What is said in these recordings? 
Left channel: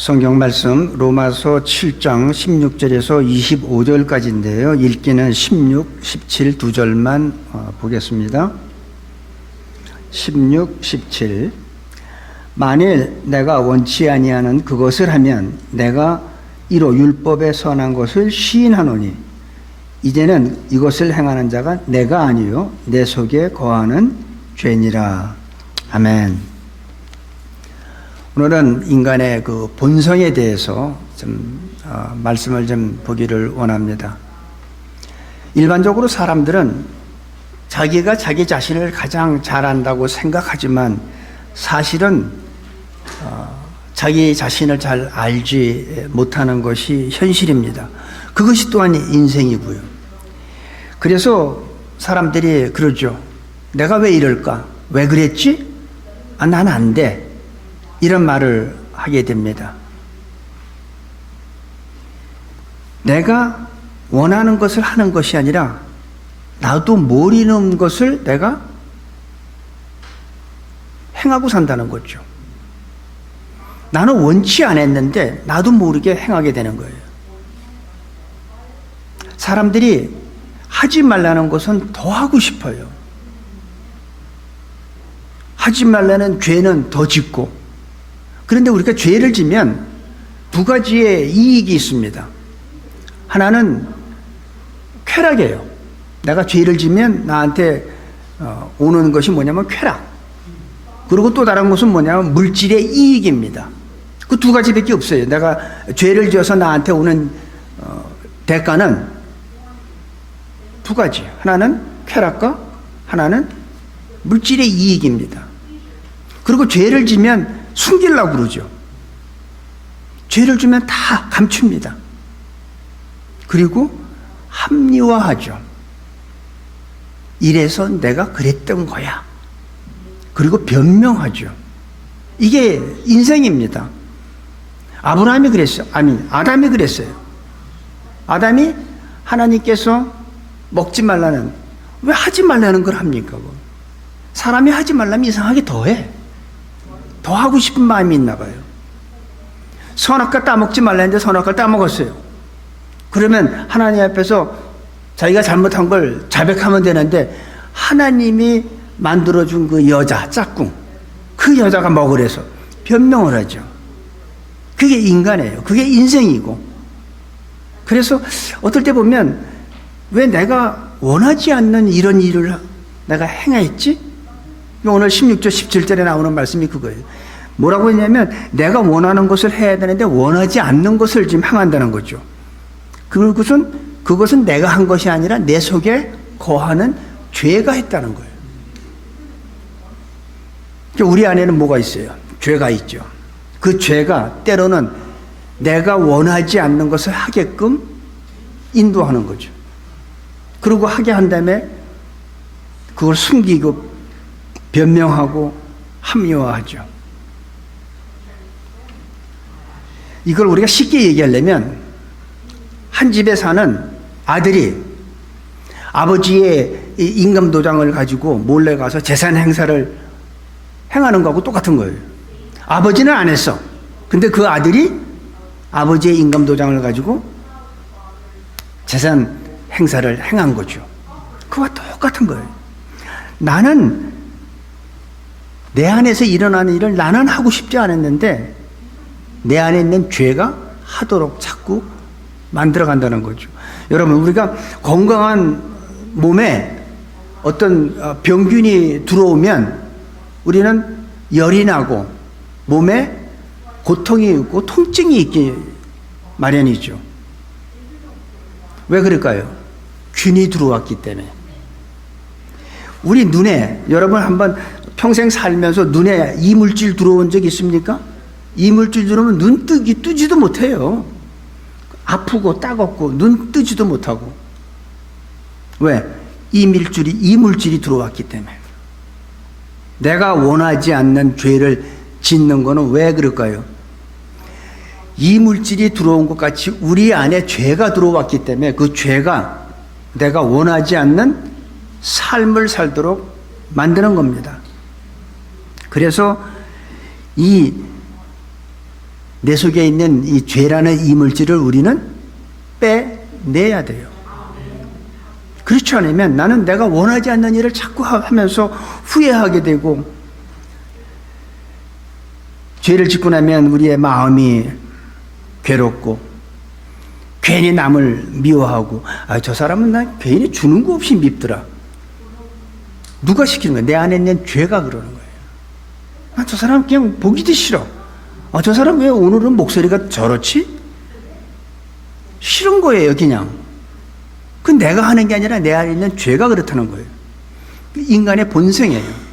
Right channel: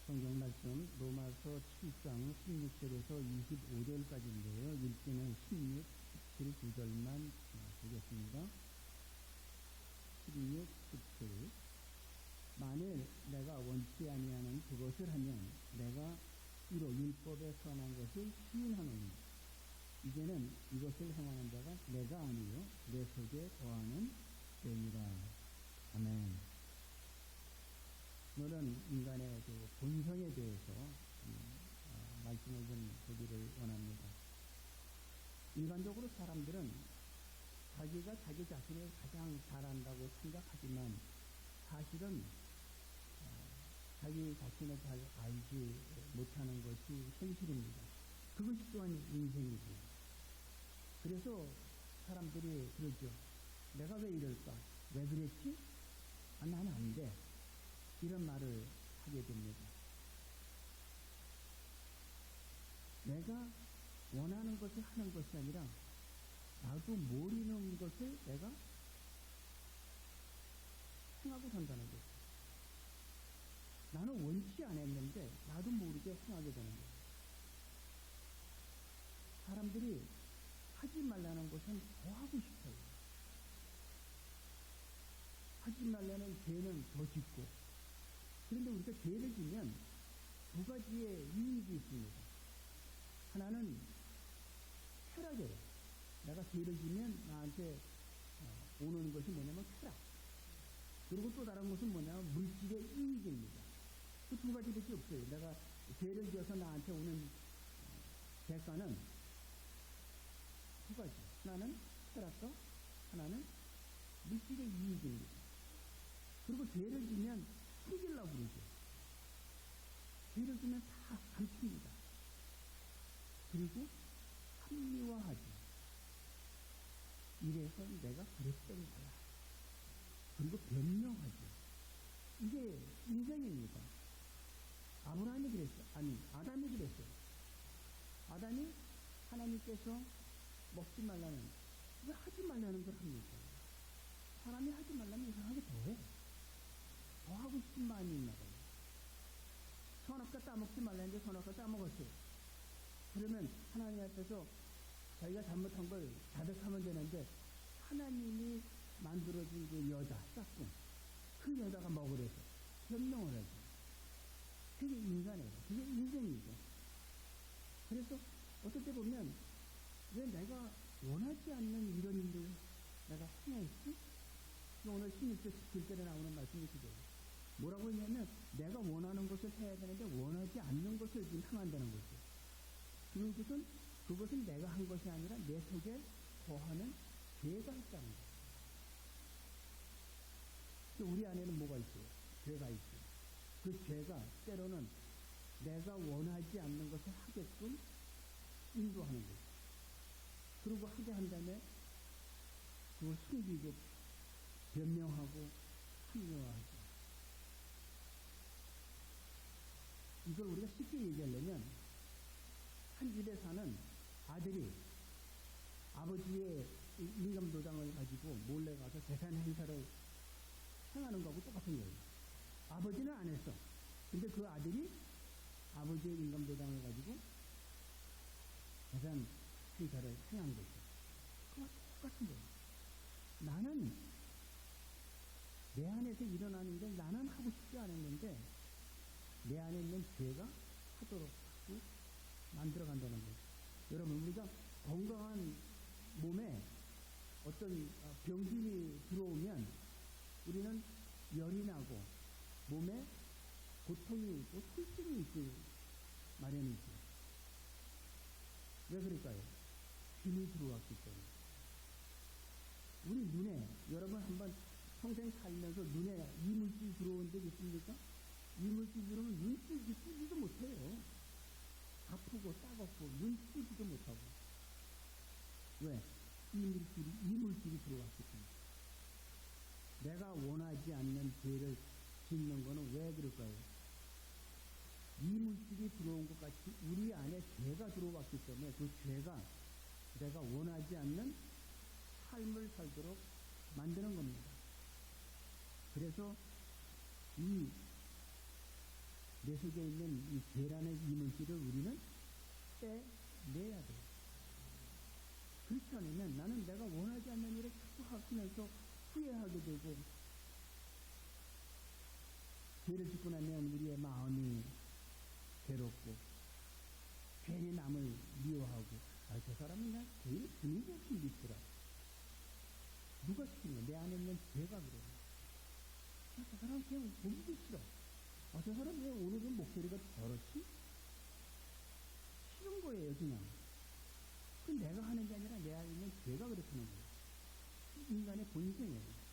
성경 말씀 로마서 7장 16절에서 25절까지인데요. 읽기는 16, 17 두 절만 보겠습니다. 16, 17 만일 내가 원치 아니하는 그것을 하면 내가 이로 율법에 선한 것을 시인하노니 이제는 이것을 행하는 자가 내가 아니요 내 속에 거하는 죄니라. 아멘. 오늘은 인간의 그 본성에 대해서 말씀을 좀 보기를 원합니다. 일반적으로 사람들은 자기가 자기 자신을 가장 잘 안다고 생각하지만 사실은 자기 자신을 잘 알지 못하는 것이 현실입니다. 그것이 또한 인생이고요. 그래서 사람들이 그러죠. 내가 왜 이럴까? 왜 그랬지? 난 안 돼. 이런 말을 하게 됩니다. 내가 원하는 것을 하는 것이 아니라 나도 모르는 것을 내가 행하고 산다는 거죠. 나는 원치 않았는데 나도 모르게 행하게 되는 거예요. 사람들이 하지 말라는 것은 더 하고 싶어요. 하지 말라는 죄는 더 짓고. 그런데 우리가 죄를 지면 두 가지의 이익이 있습니다. 하나는 쾌락이에요. 내가 죄를 지면 나한테 오는 것이 뭐냐면 쾌락. 그리고 또 다른 것은 뭐냐면 물질의 이익입니다. 그 두 가지밖에 없어요. 내가 죄를 지어서 나한테 오는 대가는 두 가지. 하나는 쾌락과 하나는 물질의 이익입니다. 그리고 죄를 지면 숨기려고 그러죠. 죄를 주면 다 감춥니다. 그리고 합리화하죠. 이래서 내가 그랬던 거야. 그리고 변명하죠. 이게 인생입니다. 아브라함이 그랬어요. 아담이 그랬어요. 아담이 하나님께서 먹지 말라는, 왜 하지 말라는 걸 합니까? 사람이 하지 말라면 이상하게 더해. 더 하고 싶은 마음이 있나 봐요. 선악과 따먹지 말라는데 선악과를 따먹었어요. 그러면 하나님 앞에서 자기가 잘못한 걸 자백하면 되는데 하나님이 만들어준 그 여자, 짝꿍, 그 여자가 먹으래서 변명을 하죠. 그게 인간이에요. 그게 인생이고. 그래서 어떨 때 보면 왜 내가 원하지 않는 이런 일을 내가 행했지? 오늘 16절 17절에 나오는 말씀이 그거예요. 뭐라고 했냐면 내가 원하는 것을 해야 되는데 원하지 않는 것을 지금 행한다는 거죠. 그것은 내가 한 것이 아니라 내 속에 거하는 죄가 했다는 거예요. 우리 안에는 뭐가 있어요? 죄가 있죠. 그 죄가 때로는 내가 원하지 않는 것을 하게끔 인도하는 거죠. 그리고 하게 한 다음에 그걸 숨기고 변명하고 합리화하죠. 이걸 우리가 쉽게 얘기하려면 한 집에 사는 아들이 아버지의 임금도장을 가지고 몰래 가서 재산 행사를 행하는 거하고 똑같은 거예요. 아버지는 안 했어. 근데 그 아들이 아버지의 임금도장을 가지고 재산 행사를 행한 거죠. 그와 똑같은 거예요. 나는 내 안에서 일어나는 일을 나는 하고 싶지 않았는데 내 안에 있는 죄가 하도록 자꾸 만들어간다는 거죠. 여러분, 우리가 건강한 몸에 어떤 병균이 들어오면 우리는 열이 나고 몸에 고통이 있고 통증이 있기 마련이죠. 왜 그럴까요? 균이 들어왔기 때문에. 우리 눈에, 여러분 한번 평생 살면서 눈에 이물질 들어온 적 있습니까? 이물질 들어오면 눈 뜨지도 못해요. 아프고 따갑고 눈 뜨지도 못하고. 왜? 이물질이 들어왔기 때문에. 내가 원하지 않는 죄를 짓는 거는 왜 그럴까요? 이물질이 들어온 것 같이 우리 안에 죄가 들어왔기 때문에 그 죄가 내가 원하지 않는 삶을 살도록 만드는 겁니다. 그래서 이 내 속에 있는 이 죄라는 이물질을 우리는 빼내야 돼요. 그렇지 않으면 나는 내가 원하지 않는 일을 자꾸 하면서 후회하게 되고, 죄를 짓고 나면 우리의 마음이 괴롭고 괜히 남을 미워하고, 저 사람은 난 괜히 주는 거 없이 밉더라. 누가 시키는 거야? 내 안에 있는 죄가 그러는 거예요. 저 사람 그냥 보기도 싫어. 저 사람 왜 오늘은 목소리가 저렇지? 싫은 거예요, 그냥. 그 내가 하는 게 아니라 내 안에 있는 죄가 그렇다는 거예요. 인간의 본성이에요.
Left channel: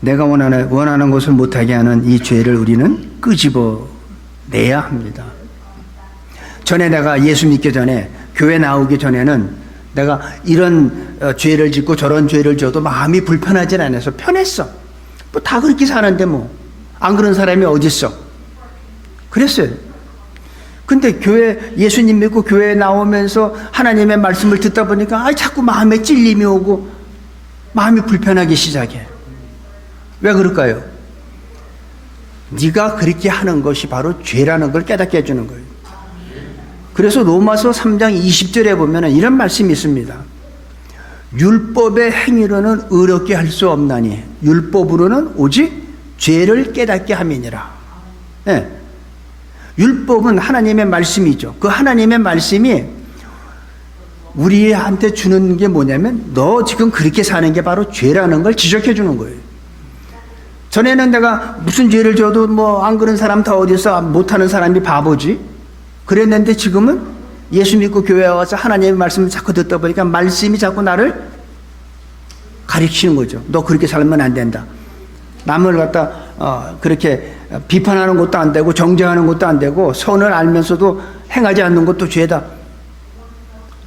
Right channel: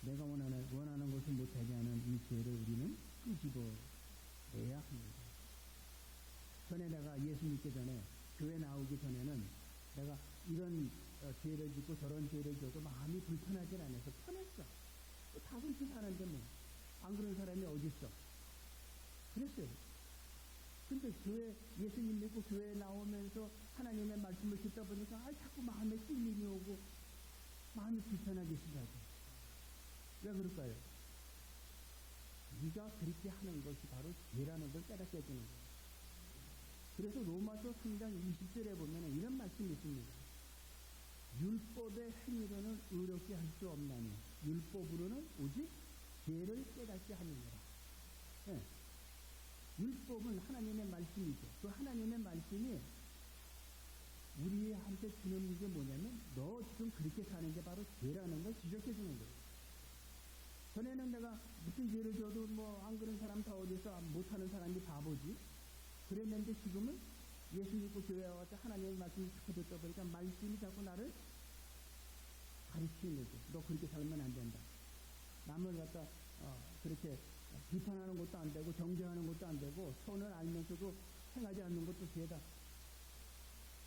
내가 원하는 것을 못하게 하는 이 죄를 우리는 끄집어내야 합니다. 전에 내가 예수 믿기 전에, 교회 나오기 전에는 내가 이런 죄를 짓고 저런 죄를 져도 마음이 불편하진 않아서 편했어. 뭐 다 그렇게 사는데 뭐 안 그런 사람이 어딨어. 그랬어요. 근데 예수님 믿고 교회에 나오면서 하나님의 말씀을 듣다 보니까 자꾸 마음에 찔림이 오고 마음이 불편하기 시작해. 왜 그럴까요? 네가 그렇게 하는 것이 바로 죄라는 걸 깨닫게 해주는 거예요. 그래서 로마서 3장 20절에 보면 이런 말씀이 있습니다. 율법의 행위로는 의롭게 할 수 없나니 율법으로는 오직 죄를 깨닫게 함이니라. 네. 율법은 하나님의 말씀이죠. 그 하나님의 말씀이 우리한테 주는 게 뭐냐면, 너 지금 그렇게 사는 게 바로 죄라는 걸 지적해 주는 거예요. 전에는 내가 무슨 죄를 져도 뭐 안 그런 사람 다 어디서 못하는 사람이 바보지 그랬는데, 지금은 예수 믿고 교회에 와서 하나님의 말씀을 자꾸 듣다 보니까 말씀이 자꾸 나를 가르치는 거죠. 너 그렇게 살면 안 된다. 남을 갖다 그렇게 비판하는 것도 안 되고 정죄하는 것도 안 되고 선을 알면서도 행하지 않는 것도 죄다.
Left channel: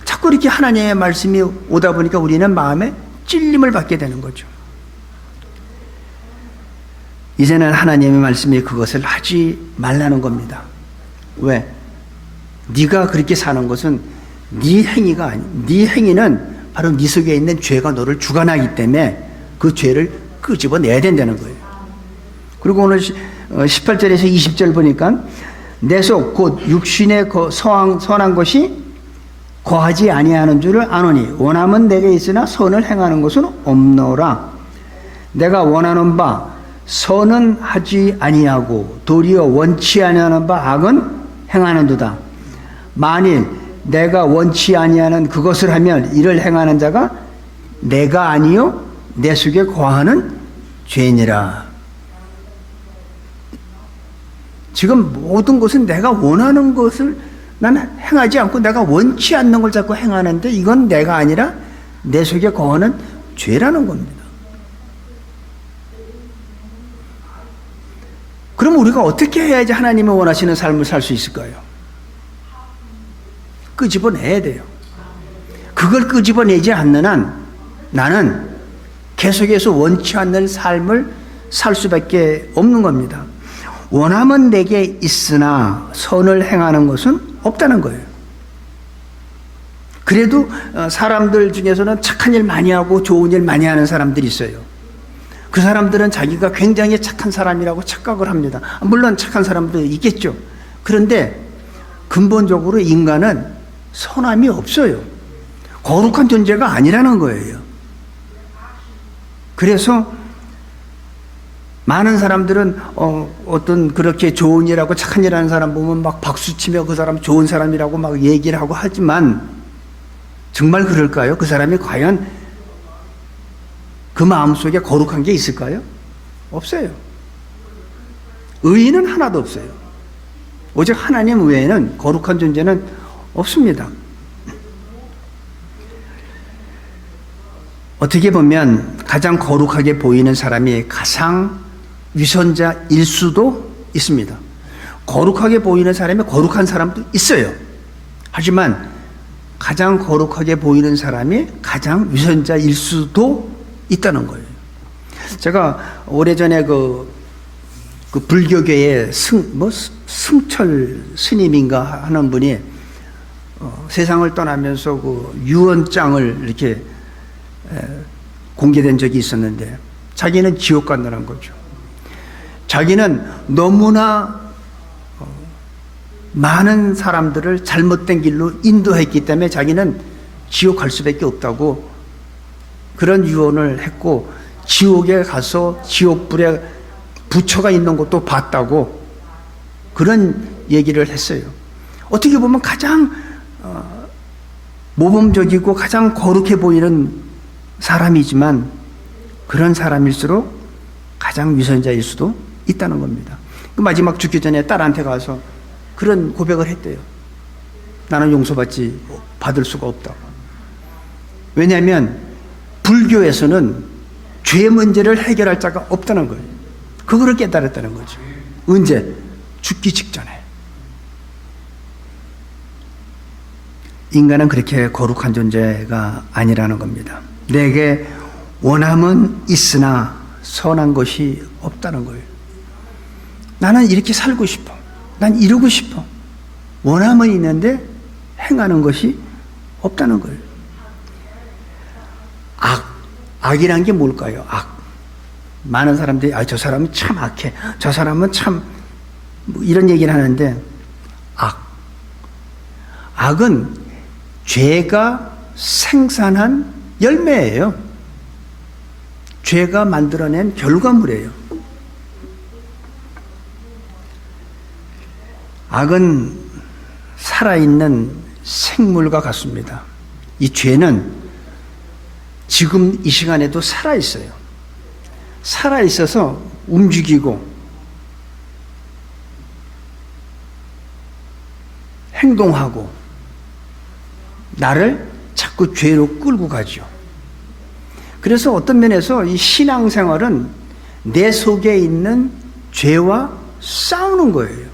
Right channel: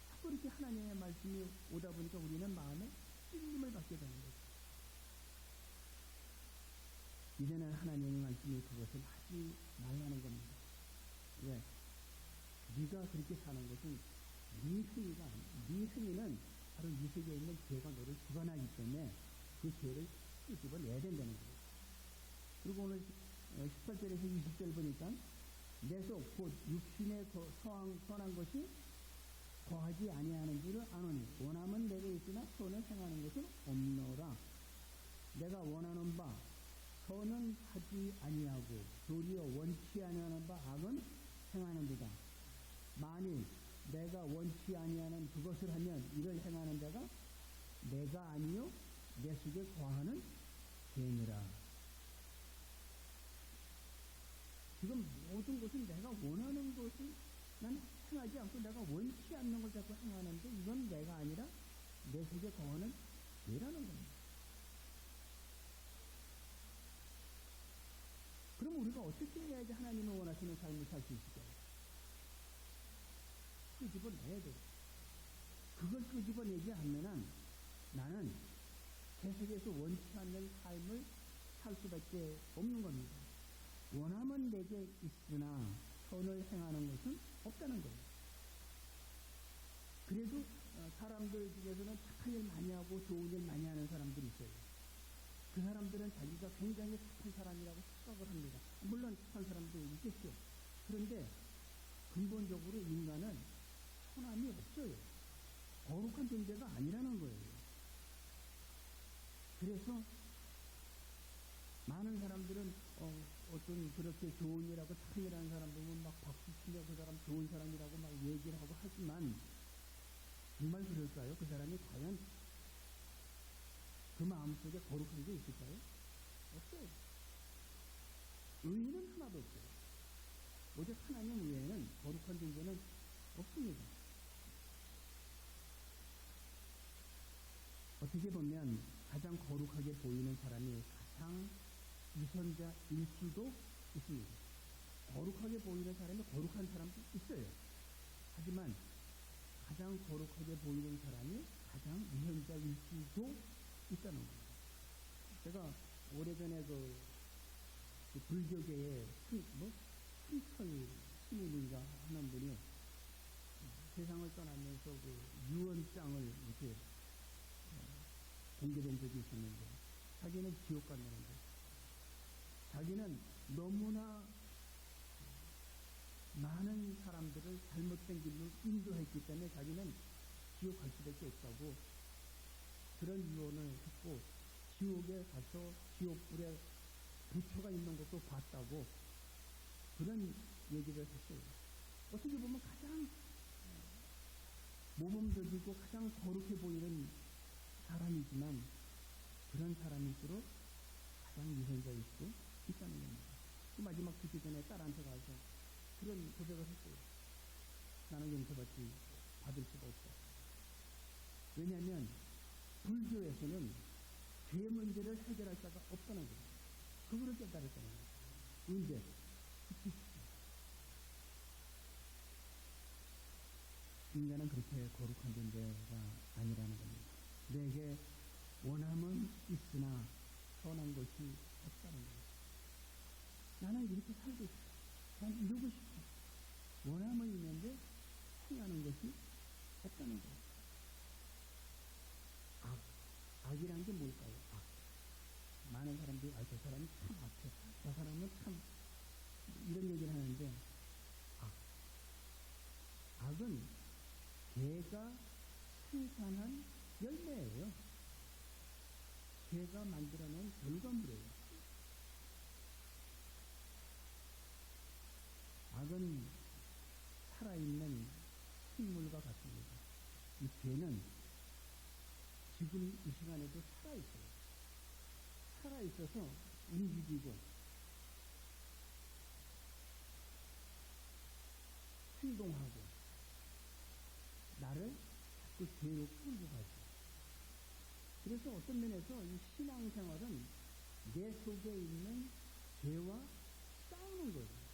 자꾸 이렇게 하나님의 말씀이 오다 보니까 우리는 마음에 찔림을 받게 되는 거죠. 이제는 하나님의 말씀이 그것을 하지 말라는 겁니다. 왜? 네가 그렇게 사는 것은 네 행위가 아니, 네 행위는 바로 네 속에 있는 죄가 너를 주관하기 때문에 그 죄를 끄집어내야 된다는 거예요. 그리고 오늘 18절에서 20절 보니까 내 속 곧 육신의 선한 것이 거하지 아니하는 줄을 아노니 원함은 내게 있으나 선을 행하는 것은 없노라. 내가 원하는 바 선은 하지 아니하고 도리어 원치 아니하는 바 악은 행하는도다. 만일 내가 원치 아니하는 그것을 하면 이를 행하는 자가 내가 아니요 내 속에 거하는 죄니라. 지금 모든 것은 내가 원하는 것을 나는 행하지 않고 내가 원치 않는 걸 자꾸 행하는데, 이건 내가 아니라 내 속에 거하는 죄라는 겁니다. 그럼 우리가 어떻게 해야지 하나님이 원하시는 삶을 살 수 있을까요? 끄집어내야 돼요. 그걸 끄집어내지 않는 한 나는 계속해서 원치 않는 삶을 살 수밖에 없는 겁니다. 원함은 내게 있으나 선을 행하는 것은 없다는 거예요. 그래도 사람들 중에서는 착한 일 많이 하고 좋은 일 많이 하는 사람들이 있어요. 그 사람들은 자기가 굉장히 착한 사람이라고 착각을 합니다. 물론 착한 사람도 있겠죠. 그런데 근본적으로 인간은 선함이 없어요. 거룩한 존재가 아니라는 거예요. 그래서 많은 사람들은 어떤 그렇게 좋은 일하고 착한 일 하는 사람 보면 막 박수치며 그 사람 좋은 사람이라고 막 얘기를 하고 하지만, 정말 그럴까요? 그 사람이 과연 그 마음속에 거룩한 게 있을까요? 없어요. 의인은 하나도 없어요. 오직 하나님 외에는 거룩한 존재는 없습니다. 어떻게 보면 가장 거룩하게 보이는 사람이 가장 위선자일 수도 있습니다. 거룩하게 보이는 사람이 거룩한 사람도 있어요. 하지만 가장 거룩하게 보이는 사람이 가장 위선자일 수도 있다는 거예요. 제가 오래전에 그 불교계의 승철 스님인가 하는 분이 세상을 떠나면서 그 유언장을 이렇게 공개된 적이 있었는데, 자기는 지옥 간다는 거죠. 자기는 너무나 많은 사람들을 잘못된 길로 인도했기 때문에 자기는 지옥 갈 수밖에 없다고 그런 유언을 했고, 지옥에 가서 지옥불에 부처가 있는 것도 봤다고 그런 얘기를 했어요. 어떻게 보면 가장 모범적이고 가장 거룩해 보이는 사람이지만 그런 사람일수록 가장 위선자일 수도 있다는 겁니다. 그 마지막 죽기 전에 딸한테 가서 그런 고백을 했대요. 나는 받을 수가 없다고. 왜냐하면 불교에서는 죄 문제를 해결할 자가 없다는 거예요. 그거를 깨달았다는 거죠. 언제? 죽기 직전에. 인간은 그렇게 거룩한 존재가 아니라는 겁니다. 내게 원함은 있으나 선한 것이 없다는 거예요. 나는 이렇게 살고 싶어. 난 이루고 싶어. 원함은 있는데 행하는 것이 없다는 거예요. 악이란 게 뭘까요? 많은 사람들이 저 사람은 참 악해. 저 사람은 참 이런 얘기를 하는데, 악은 죄가 생산한 열매예요. 죄가 만들어낸 결과물이에요. 악은 살아있는 생물과 같습니다. 이 죄는 지금 이 시간에도 살아있어요. 살아있어서 움직이고 행동하고 나를 자꾸 죄로 끌고 가죠. 그래서 어떤 면에서 이 신앙생활은 내 속에 있는 죄와 싸우는 거예요.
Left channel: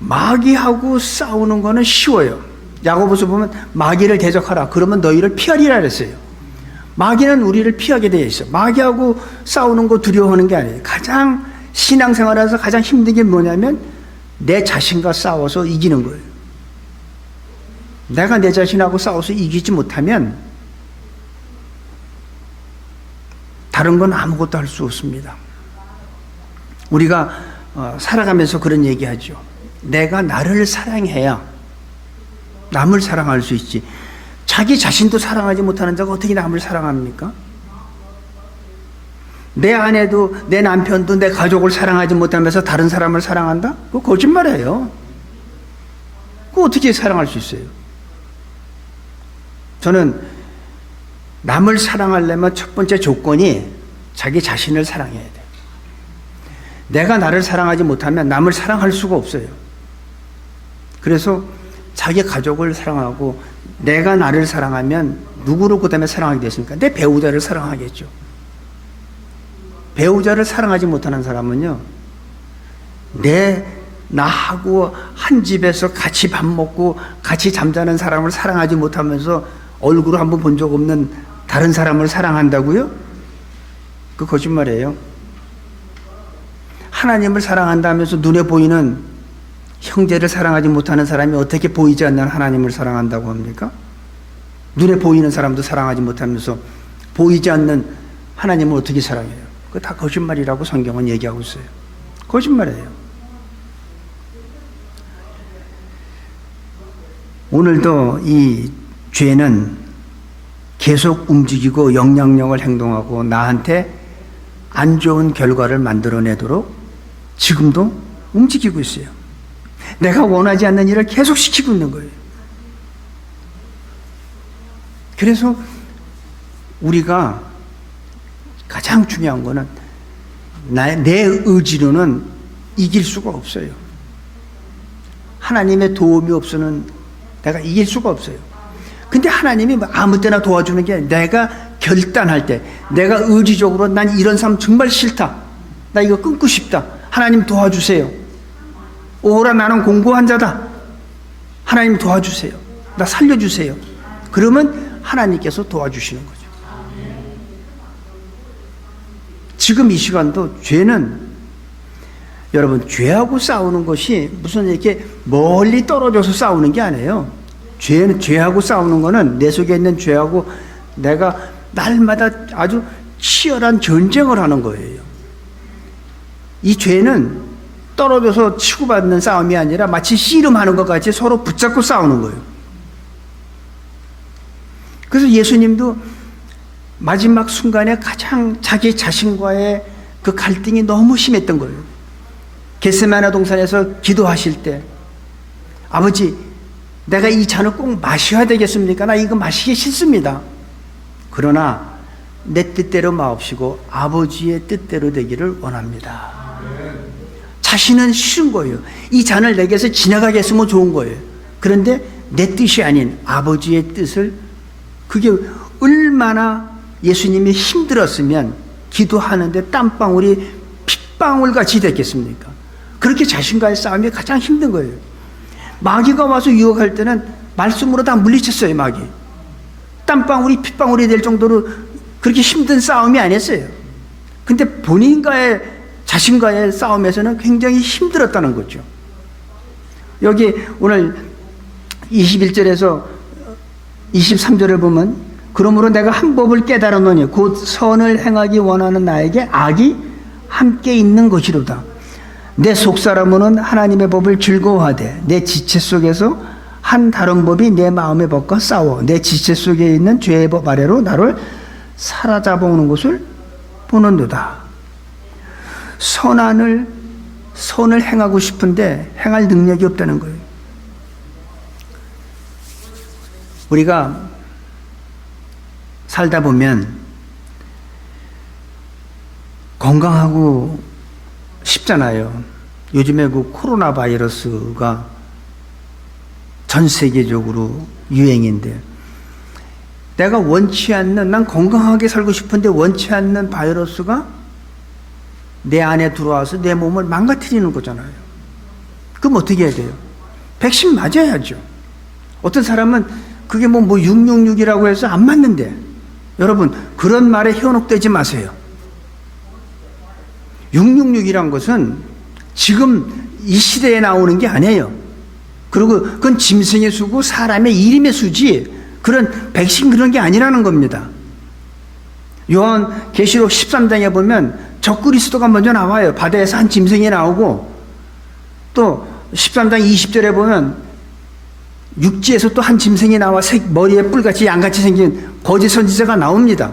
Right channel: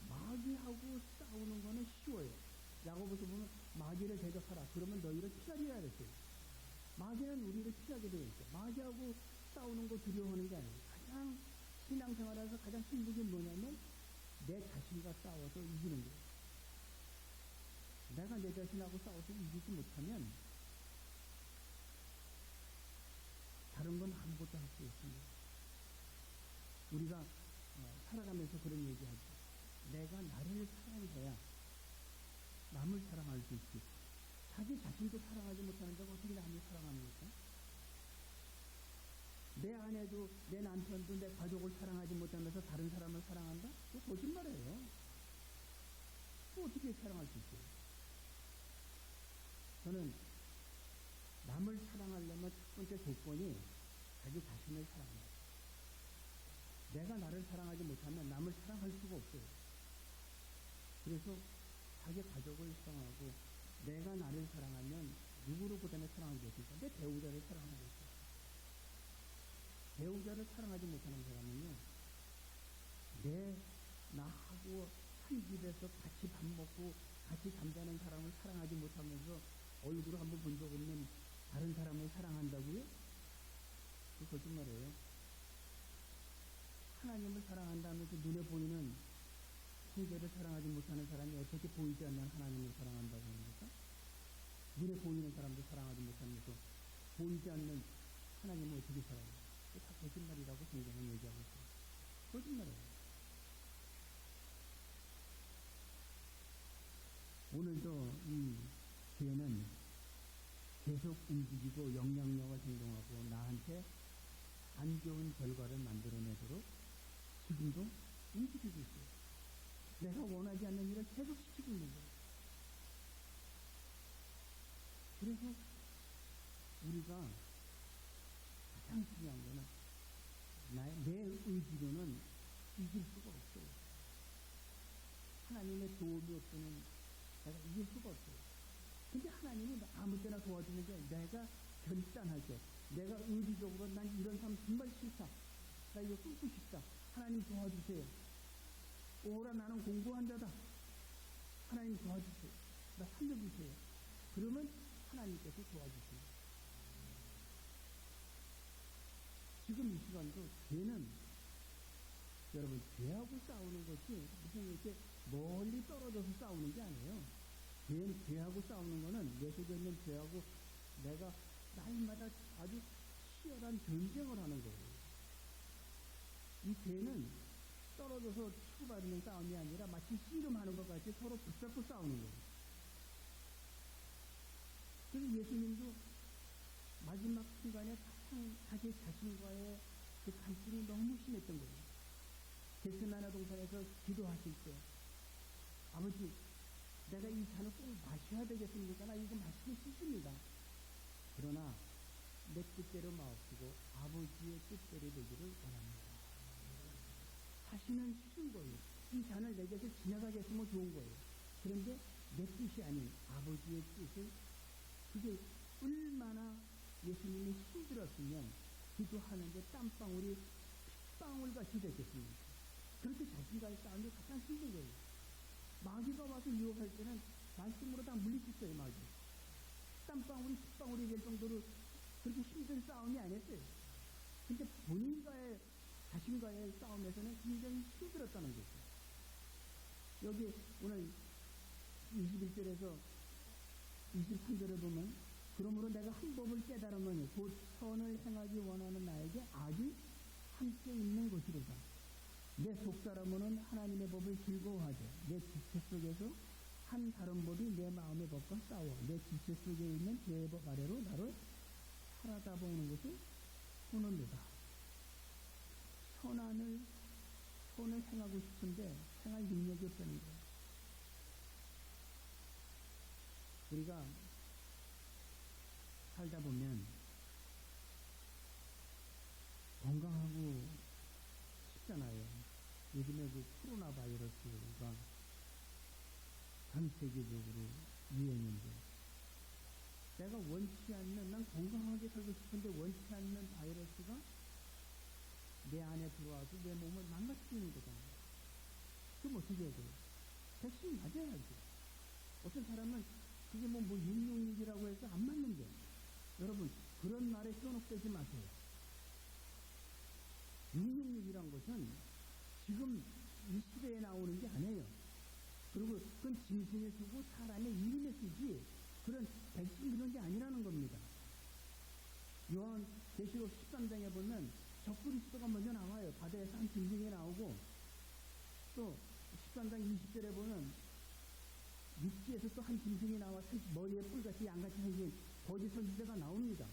마귀하고 싸우는 거는 쉬워요. 야고보서 보면 마귀를 대적하라. 그러면 너희를 피하리라 그랬어요. 마귀는 우리를 피하게 되어 있어. 마귀하고 싸우는 거 두려워하는 게 아니에요. 가장 신앙생활에서 가장 힘든 게 뭐냐면 내 자신과 싸워서 이기는 거예요. 내가 내 자신하고 싸워서 이기지 못하면 다른 건 아무것도 할 수 없습니다. 우리가 살아가면서 그런 얘기하죠. 내가 나를 사랑해야 남을 사랑할 수 있지. 자기 자신도 사랑하지 못하는 자가 어떻게 남을 사랑합니까? 내 아내도 내 남편도 내 가족을 사랑하지 못하면서 다른 사람을 사랑한다? 그거 거짓말이에요. 그거 어떻게 사랑할 수 있어요? 저는 남을 사랑하려면 첫 번째 조건이 자기 자신을 사랑해야 돼요. 내가 나를 사랑하지 못하면 남을 사랑할 수가 없어요. 그래서 자기 가족을 사랑하고 내가 나를 사랑하면 누구를 그 다음에 사랑하게 됐습니까? 내 배우자를 사랑하겠죠. 배우자를 사랑하지 못하는 사람은요, 나하고 한 집에서 같이 밥 먹고 같이 잠자는 사람을 사랑하지 못하면서 얼굴을 한번 본 적 없는 다른 사람을 사랑한다고요? 그 거짓말이에요. 하나님을 사랑한다면서 눈에 보이는 형제를 사랑하지 못하는 사람이 어떻게 보이지 않는 하나님을 사랑한다고 합니까? 눈에 보이는 사람도 사랑하지 못하면서 보이지 않는 하나님을 어떻게 사랑해요? 그거 다 거짓말이라고 성경은 얘기하고 있어요. 거짓말이에요. 오늘도 이 죄는 계속 움직이고 영향력을 행동하고 나한테 안 좋은 결과를 만들어내도록 지금도 움직이고 있어요. 내가 원하지 않는 일을 계속 시키고 있는 거예요. 그래서 우리가 가장 중요한 거는 내 의지로는 이길 수가 없어요. 하나님의 도움이 없으면 내가 이길 수가 없어요. 근데 하나님이 아무 때나 도와주는 게 내가 결단할 때, 내가 의지적으로 난 이런 삶 정말 싫다, 나 이거 끊고 싶다, 하나님 도와주세요. 오라 나는 공고한 자다, 하나님 도와주세요, 나 살려주세요. 그러면 하나님께서 도와주시는 거죠. 지금 이 시간도 죄는, 여러분, 죄하고 싸우는 것이 무슨 이렇게 멀리 떨어져서 싸우는 게 아니에요. 죄하고 싸우는 거는 내 속에 있는 죄하고 내가 날마다 아주 치열한 전쟁을 하는 거예요. 이 죄는 떨어져서 치고받는 싸움이 아니라 마치 씨름하는 것 같이 서로 붙잡고 싸우는 거예요. 그래서 예수님도 마지막 순간에 가장 자기 자신과의 그 갈등이 너무 심했던 거예요. 겟세마네 동산에서 기도하실 때, 아버지, 내가 이 잔을 꼭 마셔야 되겠습니까? 나 이거 마시기 싫습니다. 그러나 내 뜻대로 마옵시고 아버지의 뜻대로 되기를 원합니다. 자신은 싫은 거예요. 이 잔을 내게서 지나가게 했으면 좋은 거예요. 그런데 내 뜻이 아닌 아버지의 뜻을, 그게 얼마나 예수님이 힘들었으면 기도하는데 땀방울이 핏방울같이 됐겠습니까? 그렇게 자신과의 싸움이 가장 힘든 거예요. 마귀가 와서 유혹할 때는 말씀으로 다 물리쳤어요. 마귀. 땀방울이 핏방울이 될 정도로 그렇게 힘든 싸움이 아니었어요. 근데 본인과의, 자신과의 싸움에서는 굉장히 힘들었다는 거죠. 여기 오늘 21절에서 23절을 보면, 그러므로 내가 한 법을 깨달았노니 곧 선을 행하기 원하는 나에게 악이 함께 있는 것이로다. 내 속사람은 하나님의 법을 즐거워하되 내 지체 속에서 한 다른 법이 내 마음의 법과 싸워 내 지체 속에 있는 죄의 법 아래로 나를 사로잡아오는 것을 보는도다. 선을 행하고 싶은데 행할 능력이 없다는 거예요. 우리가 살다 보면 건강하고 쉽잖아요. 요즘에 그 코로나 바이러스가 전 세계적으로 유행인데, 내가 원치 않는, 난 건강하게 살고 싶은데 원치 않는 바이러스가 내 안에 들어와서 내 몸을 망가뜨리는 거잖아요. 그럼 어떻게 해야 돼요? 백신 맞아야죠. 어떤 사람은 그게 뭐 666이라고 해서 안 맞는데, 여러분 그런 말에 현혹되지 마세요. 666이란 것은 지금 이 시대에 나오는 게 아니에요. 그리고 그건 짐승의 수고 사람의 이름의 수지, 그런 백신 그런 게 아니라는 겁니다. 요한 계시록 13장에 보면 적그리스도가 먼저 나와요. 바다에서 한 짐승이 나오고, 또 13장 20절에 보면 육지에서 또 한 짐승이 나와 머리에 뿔같이 양같이 생긴 거짓 선지자가 나옵니다.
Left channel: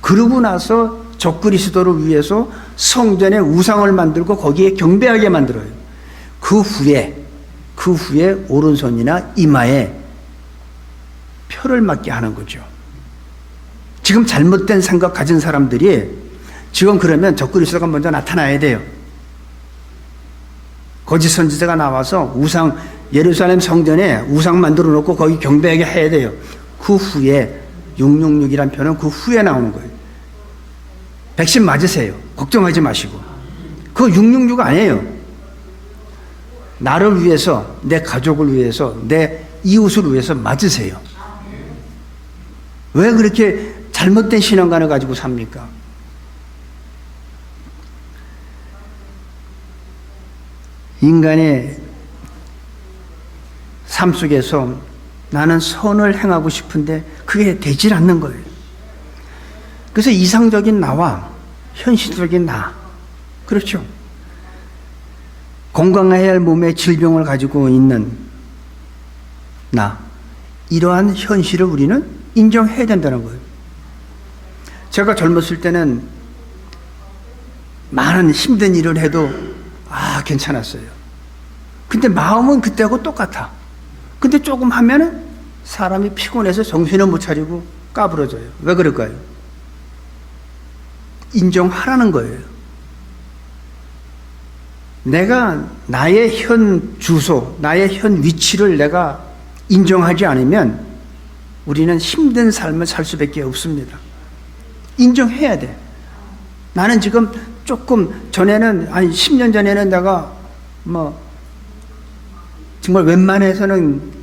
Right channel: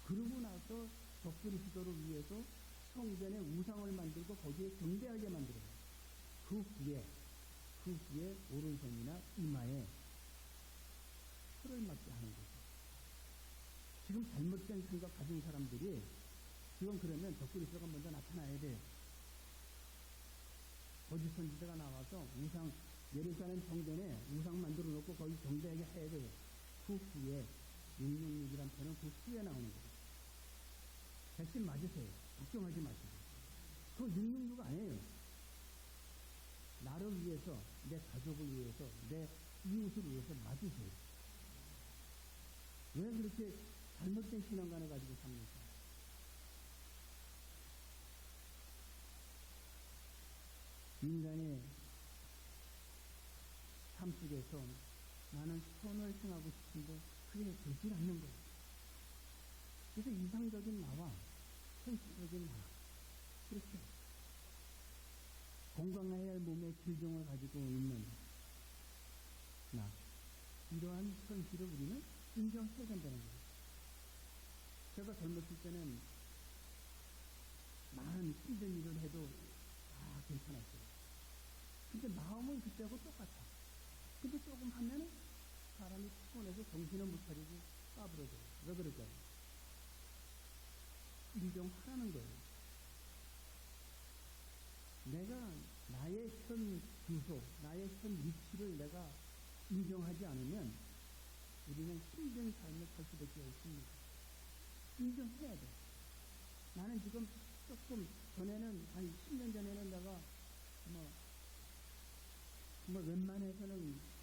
그러고 나서 적그리스도를 위해서 성전에 우상을 만들고 거기에 경배하게 만들어요. 그 후에 오른손이나 이마에 표를 맞게 하는 거죠. 지금 잘못된 생각 가진 사람들이 지금 그러면 적그리스도가 먼저 나타나야 돼요. 거짓 선지자가 나와서 예루살렘 성전에 우상 만들어 놓고 거기 경배하게 해야 돼요. 그 후에 666이란 표는 그 후에 나오는 거예요. 백신 맞으세요. 걱정하지 마시고. 그거 666 아니에요. 나를 위해서, 내 가족을 위해서, 내 이웃을 위해서 맞으세요. 왜 그렇게 잘못된 신앙관을 가지고 삽니까? 인간의 삶 속에서 나는 선을 행하고 싶은데 그게 되질 않는 거예요. 그래서 이상적인 나와 현실적인 나, 그렇죠? 건강해야 할 몸에 질병을 가지고 있는 나, 이러한 현실을 우리는 인정해야 된다는 거예요. 제가 젊었을 때는 많은 힘든 일을 해도 괜찮았어요. 근데 마음은 그때하고 똑같아. 근데 조금 하면은 사람이 피곤해서 정신을 못 차리고 까부러져요. 왜 그럴까요? 인정하라는 거예요. 내가 나의 현 주소, 나의 현 위치를 내가 인정하지 않으면 우리는 힘든 삶을 살 수밖에 없습니다. 인정해야 돼. 나는 지금 조금 전에는, 10년 전에는 내가 정말 웬만해서는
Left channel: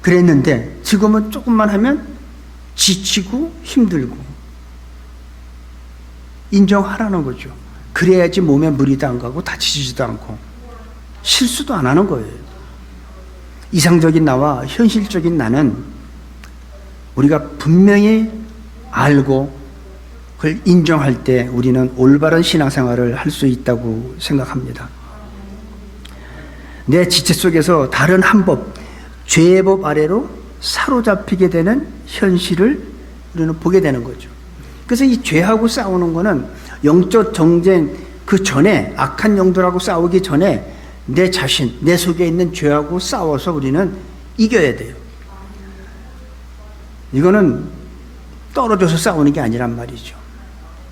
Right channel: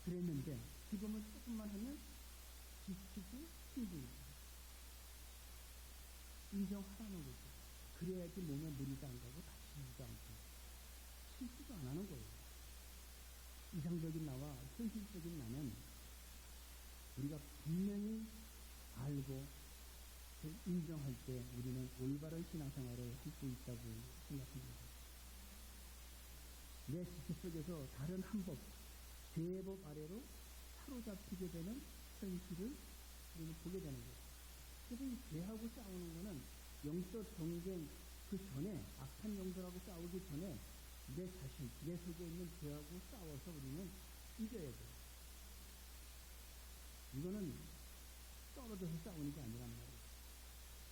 그랬는데 지금은 조금만 하면 지치고 힘들고. 인정하라는 거죠. 그래야지 몸에 무리도 안 가고 다치지도 않고 실수도 안 하는 거예요. 이상적인 나와 현실적인 나는 우리가 분명히 알고 인정할 때 우리는 올바른 신앙생활을 할 수 있다고 생각합니다. 내 지체 속에서 다른 한 법, 죄의 법 아래로 사로잡히게 되는 현실을 우리는 보게 되는 거죠. 그래서 이 죄하고 싸우는 거는 영적 정쟁 그 전에, 악한 영들하고 싸우기 전에 내 자신, 내 속에 있는 죄하고 싸워서 우리는 이겨야 돼요. 이거는 떨어져서 싸우는 게 아니란 말이죠.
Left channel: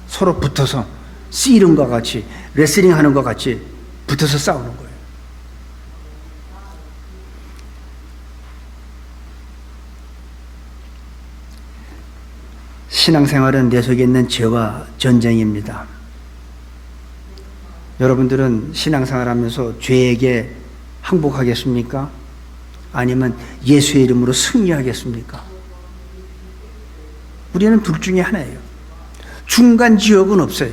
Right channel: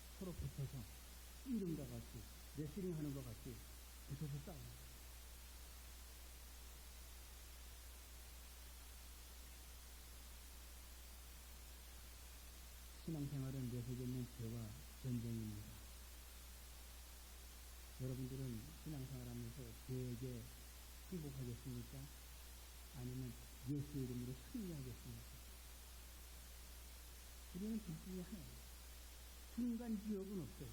서로 붙어서 씨름과 같이, 레슬링 하는 것 같이 붙어서 싸우는 거예요. 신앙생활은 내 속에 있는 죄와 전쟁입니다. 여러분들은 신앙생활 하면서 죄에게 항복하겠습니까? 아니면 예수의 이름으로 승리하겠습니까? 우리는 둘 중에 하나예요. 중간 지역은 없어요.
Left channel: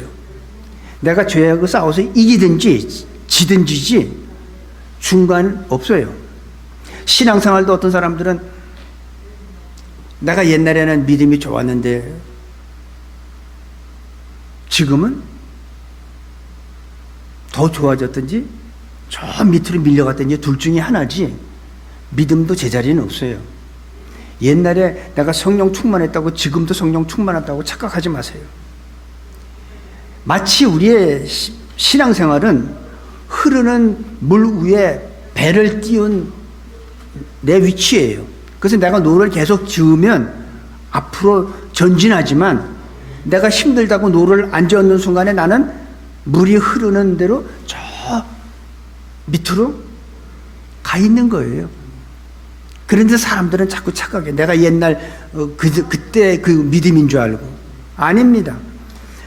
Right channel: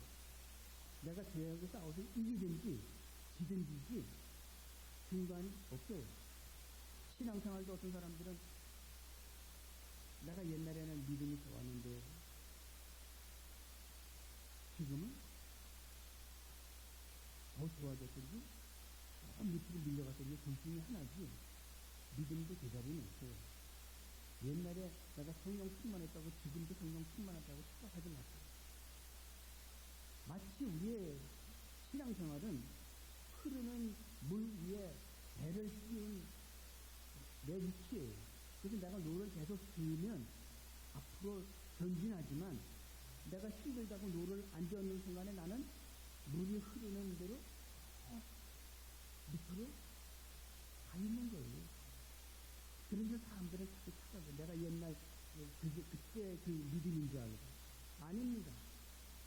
내가 죄하고 싸워서 이기든지 지든지지 중간 없어요. 신앙생활도 어떤 사람들은 내가 옛날에는 믿음이 좋았는데 지금은 더 좋아졌든지 저 밑으로 밀려갔든지 둘 중에 하나지 믿음도 제자리는 없어요. 옛날에 내가 성령 충만했다고 지금도 성령 충만하다고 착각하지 마세요. 마치 우리의 신앙생활은 흐르는 물 위에 배를 띄운 내 위치예요. 그래서 내가 노를 계속 지으면 앞으로 전진하지만 내가 힘들다고 노를 앉아있는 순간에 나는 물이 흐르는 대로 저 밑으로 가 있는 거예요. 그런데 사람들은 자꾸 착각해. 내가 옛날 그때 그 믿음인 줄 알고. 아닙니다.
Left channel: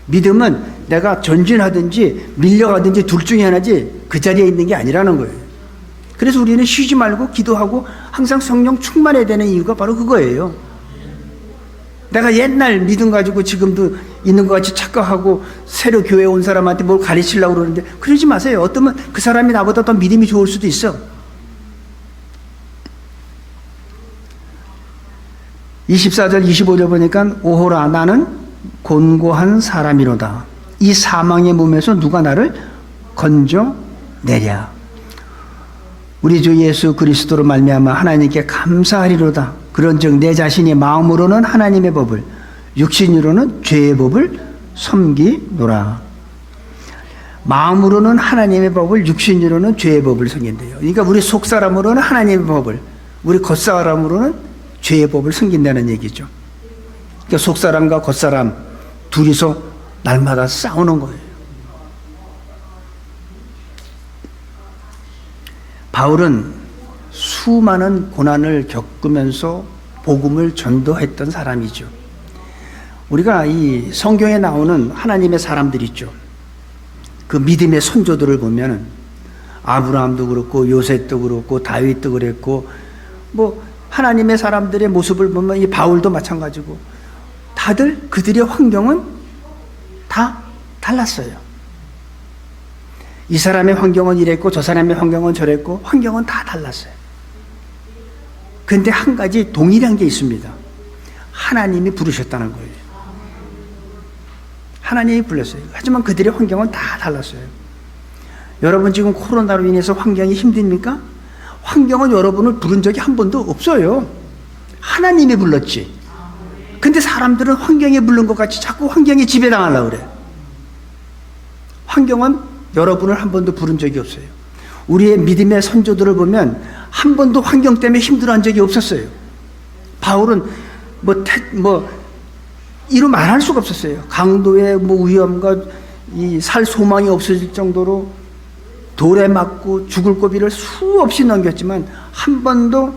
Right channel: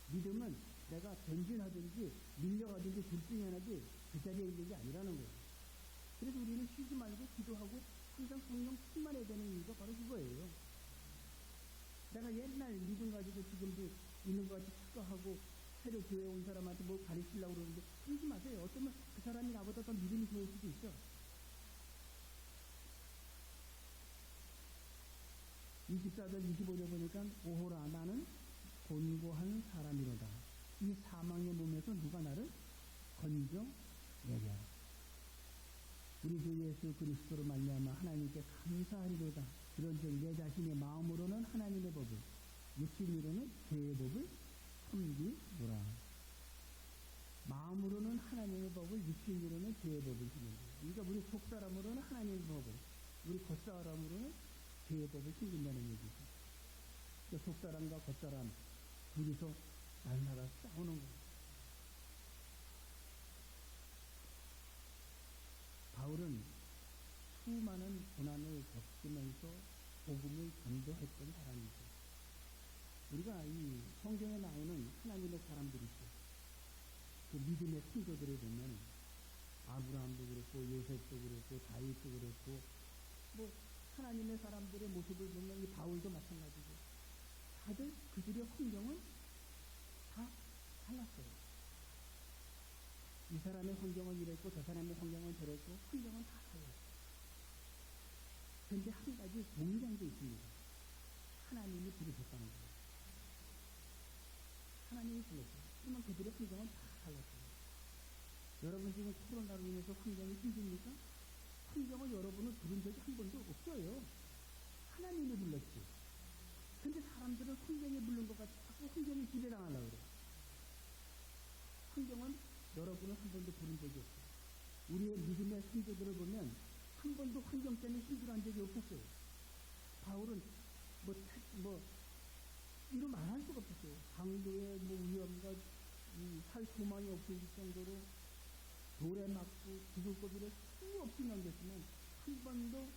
믿음은 내가 전진하든지 밀려가든지 둘 중에 하나지 그 자리에 있는 게 아니라는 거예요. 그래서 우리는 쉬지 말고 기도하고 항상 성령 충만해야 되는 이유가 바로 그거예요. 내가 옛날 믿음 가지고 지금도 있는 것 같이 착각하고 새로 교회에 온 사람한테 뭘 가르치려고 그러는데 그러지 마세요. 어쩌면 그 사람이 나보다 더 믿음이 좋을 수도 있어. 24절 25절 보니까 오호라 나는 곤고한 사람이로다. 이 사망의 몸에서 누가 나를 건져내랴. 우리 주 예수 그리스도로 말미암아 하나님께 감사하리로다. 그런즉 내 자신이 마음으로는 하나님의 법을 육신으로는 죄의 법을 섬기노라. 마음으로는 하나님의 법을 육신으로는 죄의 법을 섬긴대요. 그러니까 우리 속사람으로는 하나님의 법을, 우리 겉사람으로는 죄의 법을 섬긴다는 얘기죠. 그러니까 속사람과 겉사람 둘이서 날마다 싸우는 거예요. 바울은 수많은 고난을 겪으면서 복음을 전도했던 사람이죠. 우리가 이 성경에 나오는 하나님의 사람들 있죠. 그 믿음의 선조들을 보면 아브라함도 그렇고 요셉도 그렇고 다윗도 그랬고 뭐 하나님의 사람들의 모습을 보면 이 바울도 마찬가지고 다들 그들의 환경은 다 달랐어요. 이 사람의 환경은 이랬고 저 사람의 환경은 저랬고 환경은 다 달랐어요. 그런데 한 가지 동일한 게 있습니다. 하나님이 부르셨다는 거예요. 하나님이 불렀어요. 하지만 그들의 환경은 다 달랐어요. 여러분 지금 코로나로 인해서 환경이 힘듭니까? 환경은 여러분을 부른 적이 한 번도 없어요. 하나님이 불렀지. 근데 사람들은 환경에 부른 것 같이 자꾸 환경에 지배당하려고 그래. 환경은 여러분을 한 번도 부른 적이 없어요. 우리의 믿음의 선조들을 보면 한 번도 환경 때문에 힘들어한 적이 없었어요. 바울은 이루 말할 수가 없었어요. 강도의 위험과 이 살 소망이 없어질 정도로 돌에 맞고 죽을 고비를 수없이 넘겼지만 한 번도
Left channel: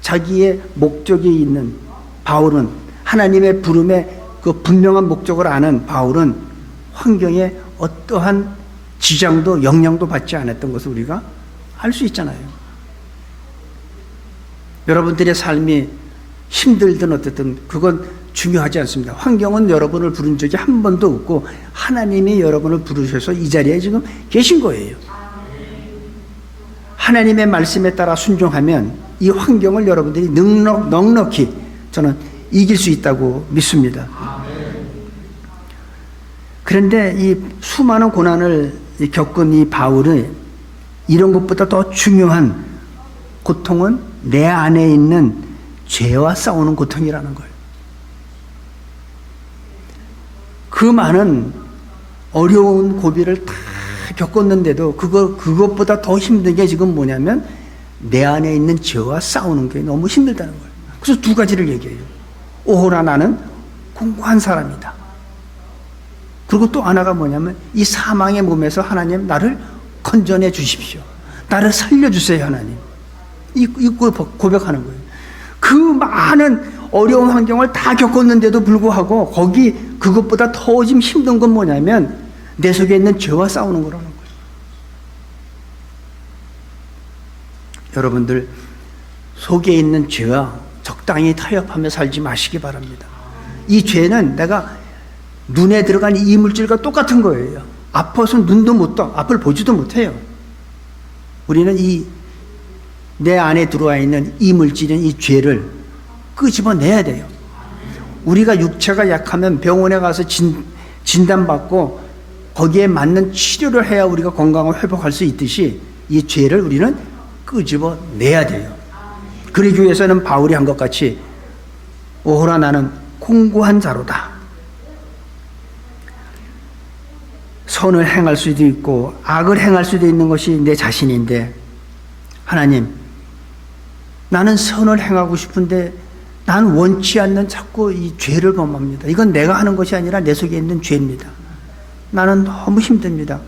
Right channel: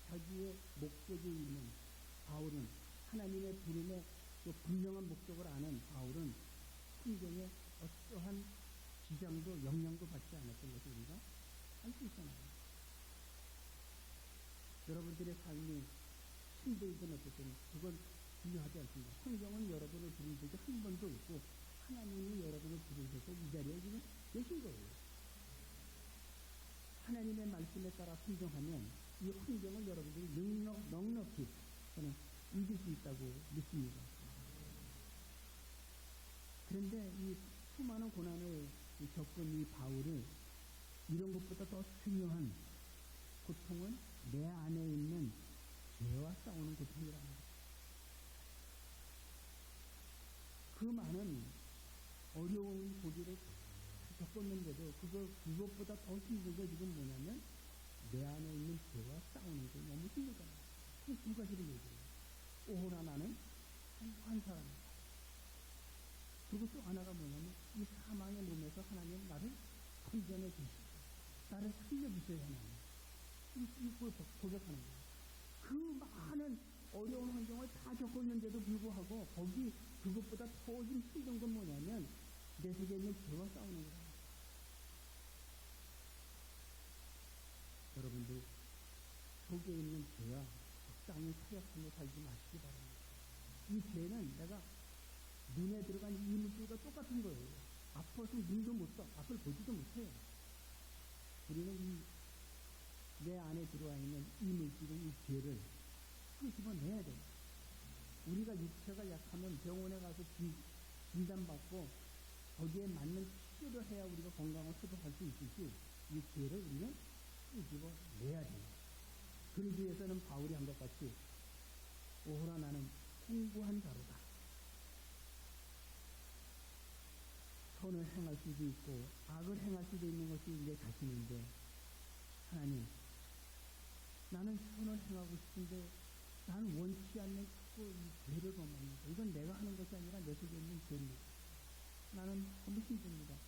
자기의 목적이 있는 바울은 하나님의 부름의 그 분명한 목적을 아는 바울은 환경에 어떠한 지장도 영향도 받지 않았던 것을 우리가 알 수 있잖아요. 여러분들의 삶이 힘들든 어쨌든 그건 중요하지 않습니다. 환경은 여러분을 부른 적이 한 번도 없고 하나님이 여러분을 부르셔서 이 자리에 지금 계신 거예요. 하나님의 말씀에 따라 순종하면 이 환경을 여러분들이 넉넉히 저는 이길 수 있다고 믿습니다. 그런데 이 수많은 고난을 겪은 이 바울은 이런 것보다 더 중요한 고통은 내 안에 있는 죄와 싸우는 고통이라는 거예요. 그 많은 어려운 고비를 다 겪었는데도 그것보다 더 힘든 게 지금 뭐냐면 내 안에 있는 죄와 싸우는 게 너무 힘들다는 거예요. 그래서 두 가지를 얘기해요. 오호라 나는 공고한 사람이다. 그리고 또 하나가 뭐냐면 이 사망의 몸에서 하나님 나를 건져내 주십시오. 나를 살려주세요 하나님. 이거 고백하는 거예요. 그 많은 어려운 환경을 다 겪었는데도 불구하고 그것보다 더 좀 힘든 건 뭐냐면 내 속에 있는 죄와 싸우는 거라는 거예요. 여러분들 속에 있는 죄와 적당히 타협하며 살지 마시기 바랍니다. 이 죄는 내가 눈에 들어간 이물질과 똑같은 거예요. 아파서 눈도 못 떠, 앞을 보지도 못해요. 우리는 내 안에 들어와 있는 이물질인 이 죄를 끄집어내야 돼요. 우리가 육체가 약하면 병원에 가서 진단받고 거기에 맞는 치료를 해야 우리가 건강을 회복할 수 있듯이 이 죄를 우리는 끄집어내야 돼요. 그러기 위해서는 바울이 한 것 같이 오호라 나는 공고한 자로다. 선을 행할 수도 있고 악을 행할 수도 있는 것이 내 자신인데 하나님 나는 선을 행하고 싶은데 난 원치 않는 자꾸 이 죄를 범합니다. 이건 내가 하는 것이 아니라 내 속에 있는 죄입니다. 나는 너무 힘듭니다.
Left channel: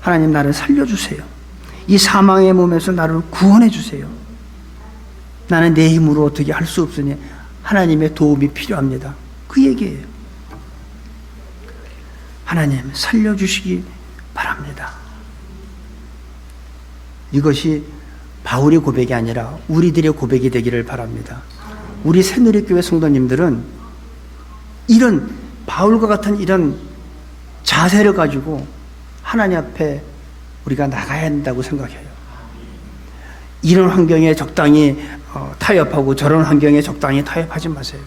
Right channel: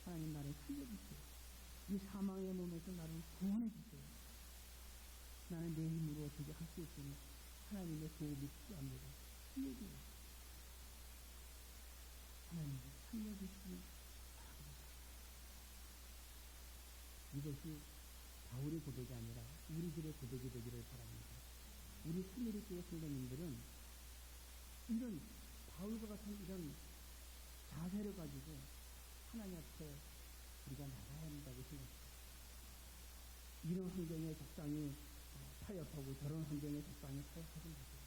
하나님 나를 살려주세요. 이 사망의 몸에서 나를 구원해 주세요. 나는 내 힘으로 어떻게 할 수 없으니 하나님의 도움이 필요합니다. 그 얘기예요. 하나님 살려주시기 바랍니다. 이것이 바울의 고백이 아니라 우리들의 고백이 되기를 바랍니다. 우리 새누리교회 성도님들은 이런 바울과 같은 이런 자세를 가지고 하나님 앞에 우리가 나가야 한다고 생각해요. 이런 환경에 적당히 타협하고 저런 환경에 적당히 타협하지 마세요.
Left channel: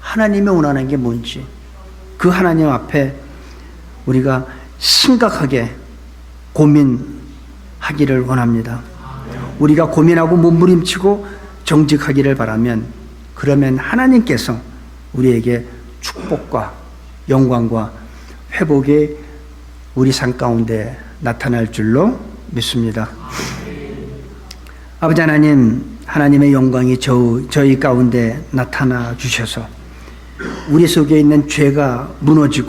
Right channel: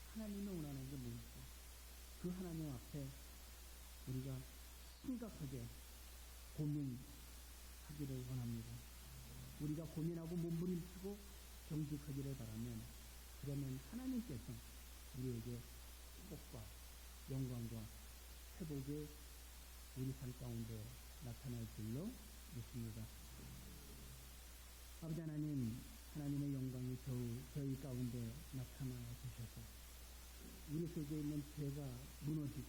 하나님이 원하는 게 뭔지 그 하나님 앞에 우리가 심각하게 고민하기를 원합니다. 우리가 고민하고 몸부림치고 정직하기를 바라면 그러면 하나님께서 우리에게 축복과 영광과 회복이 우리 삶 가운데 나타날 줄로 믿습니다. 아버지 하나님, 하나님의 영광이 저희 가운데 나타나 주셔서 우리 속에 있는 죄가 무너지고